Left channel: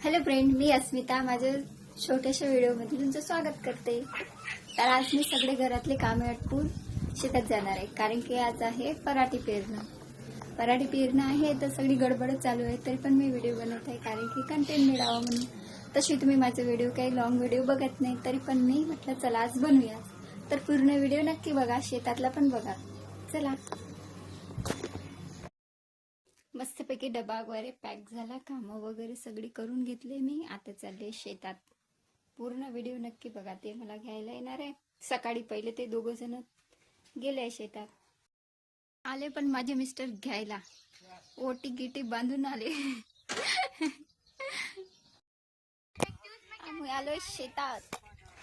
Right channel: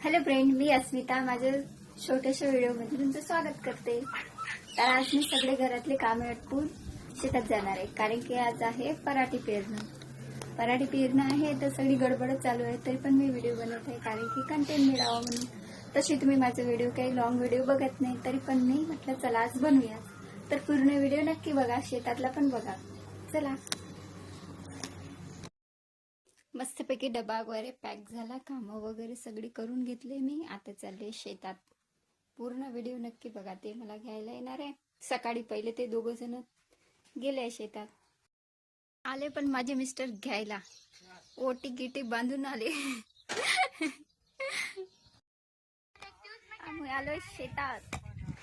Hello friend, मी अस्मिता माझ्या छोट्याशा व्हिडिओमध्ये तुमचं स्वागत करते। तर आज मी सगळे घरातले कामे आटपून शेतात जाणार आहे, कारण की आज आहे पराठी पेरणं। पराठी पेरणं आहे तर सगळी गडबडच चालू आहे, तरी पण मी व्हिडिओ बनवत आहे कारण की कंटेंट मिळावं म्हणून। तशी तुम्ही माझे व्हिडिओ काही लॉंग व्हिडिओ बघत नाही, तरी पण मी म्हटलं चला आज बनवूया। तर पूर्ण व्हिडिओ नक्की बघा, शेतातला पण बघा। चला, मस्तपैकी डबा वगैरे पॅक झाला, कामं वगैरे सगळी करून घेतले मी। आता चालले शेतात। पूर्ण व्हिडिओ नक्की बघा, ते मला घ्यायला येणार आहे। सकाळी पहिले ते दोघं जण गेले शेतात, आले पण माझे मिस्टर घ्यायला, ओटी गिटी बांधून आले। आम्ही आलोय शेतात,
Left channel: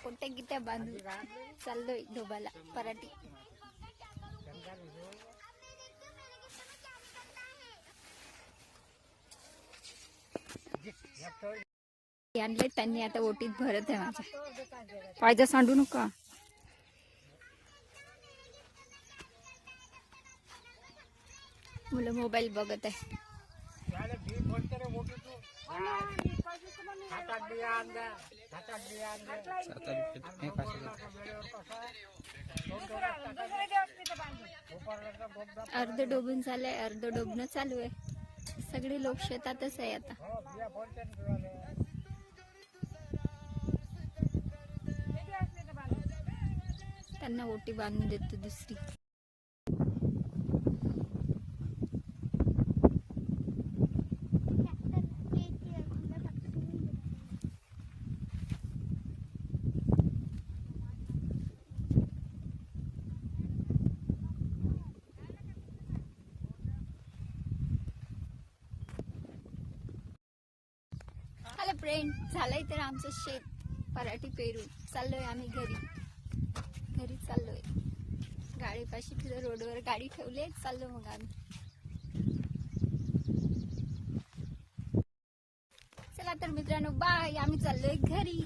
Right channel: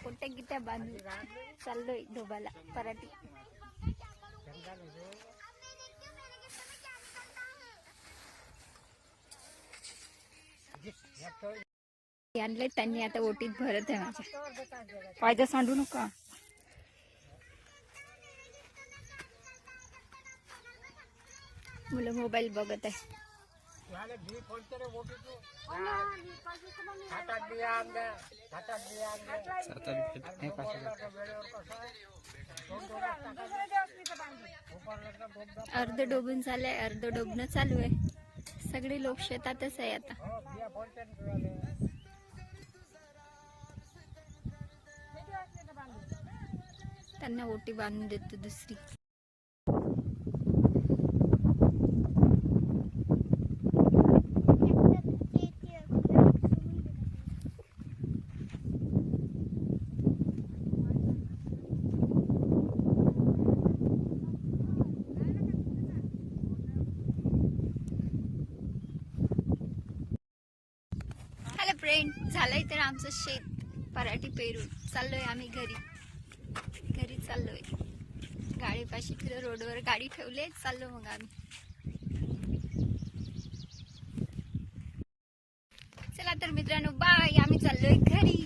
ओट्या गिट्या बांधून चाललोय ढोबाला पराठी। आणले त्यांनी, आता ओटीत भरत आहे माझ्या। पायजा सांडू नका। मुलं मोबाईल बघत आहे। अर्ध डोबून झालंय, अर्ध डोबणं चालू आहे। सगळे लोक शेतातच आहे आता। त्यांना ओटी बांधून देतो दुसरी। हॅलो फ्रेंड, झालंय तर आमचं शेत पराठी पेरून चाललोय आम्ही घरी चाललोय। गाडीपाशी फिर रोडवर गाडी ठेवले, चाललो मग आम्ही। चला तर मित्रांनो, बाय, आम्ही चाललोय घरी।